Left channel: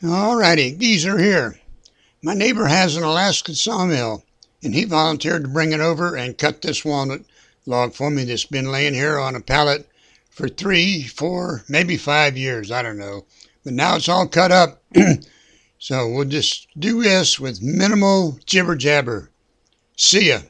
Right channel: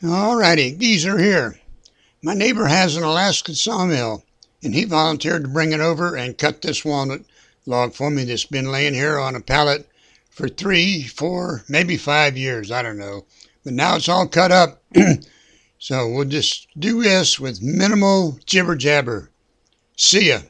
Alrighty, these are here. My neighbor has an Alaskan sawmill, and he volunteered to bring it over and cut this walnut log for me that's been laying here on a pallet for 3, 4, maybe 5 years, I don't know. But now it's all cut up, so we'll just do this with minimal jibber jabber. See ya.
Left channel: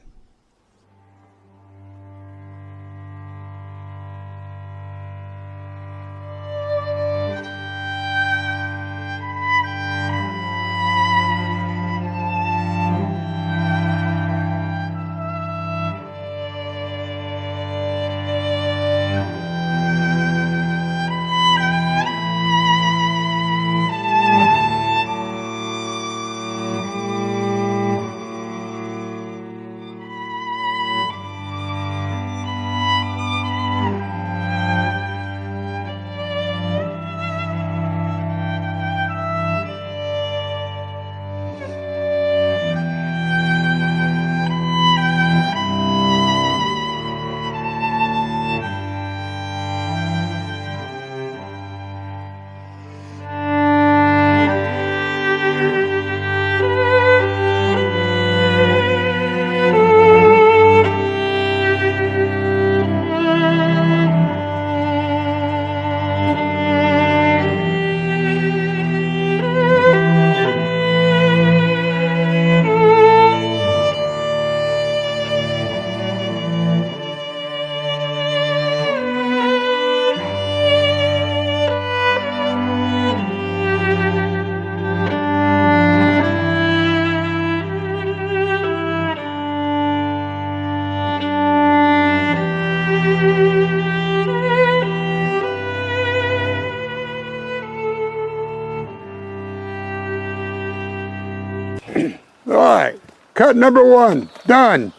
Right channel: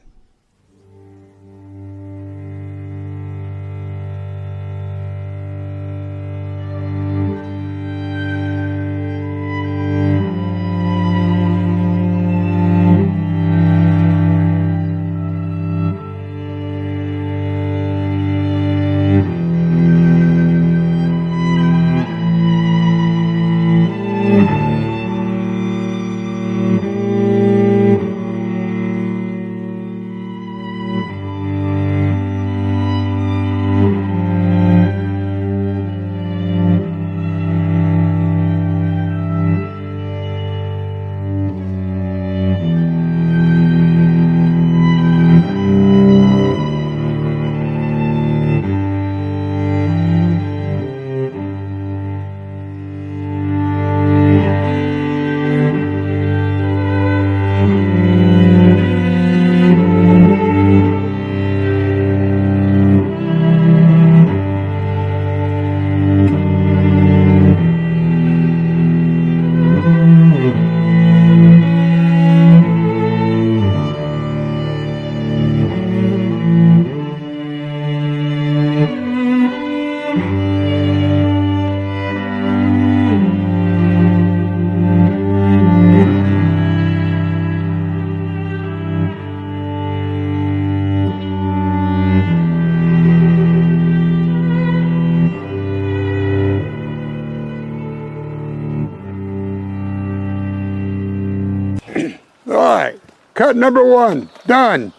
All right, cut number 1, done.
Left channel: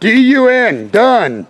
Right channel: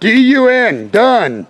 DUN, done.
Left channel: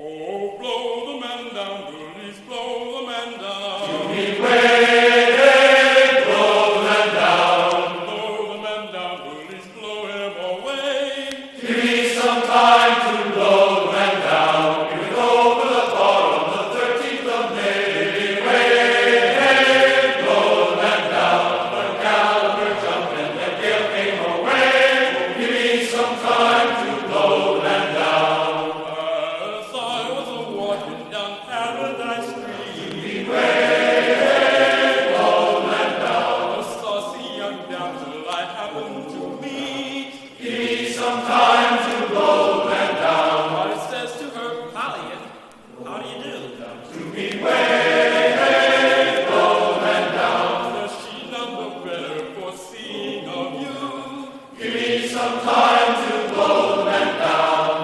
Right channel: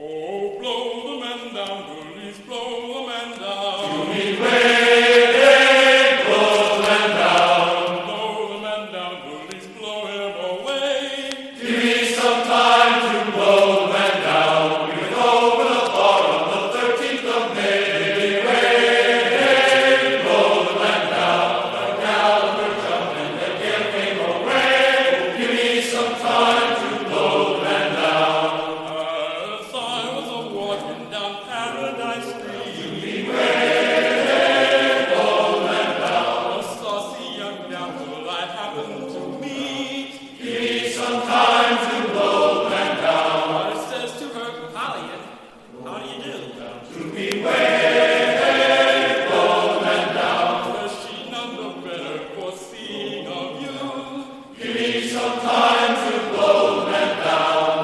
Oh, blow the man down, bullies, blow the man down. To me way, blow the man down. Blow the man down, bullies, blow him away. Give me some time to blow the man down. We would open a bar on the 13th of May. Way, blow the man down. But Gallagher jumped and the gale came away. Give me some time to blow the man down. As I was a-walking down Paradise Street, Way, blow the man down. a saucy young damsel I happened to meet. Give me some time to blow the man down. I says to her, Polly, how do you do? To me way, blow the man down. Says she, none the better for seeing of you. Give me some time to blow the man down.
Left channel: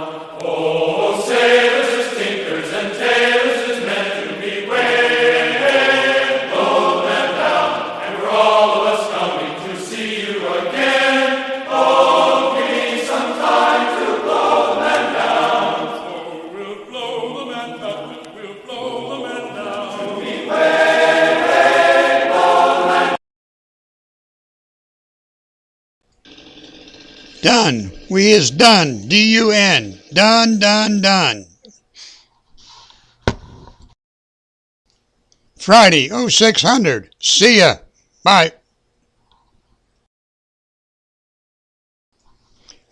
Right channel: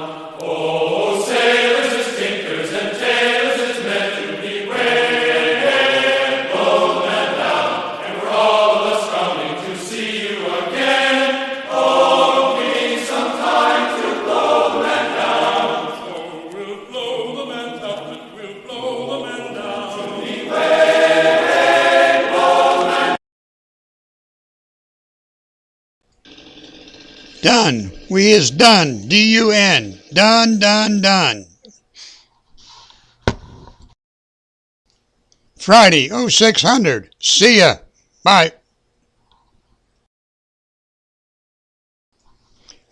Oh, sailors as tinkers and tailors is meant to be way, blow the man down. And we're all of us coming to see you again. Oh, give me some time to blow the man down. So we'll blow the man up and we'll blow the man down. Be way, blow the man. Done. We is done. D-U-N. Done, done, done. Friday, 0600. See ya. Bye.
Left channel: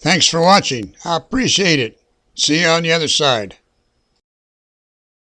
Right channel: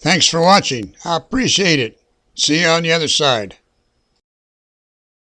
Thanks for watching. I appreciate it. See you on the other side.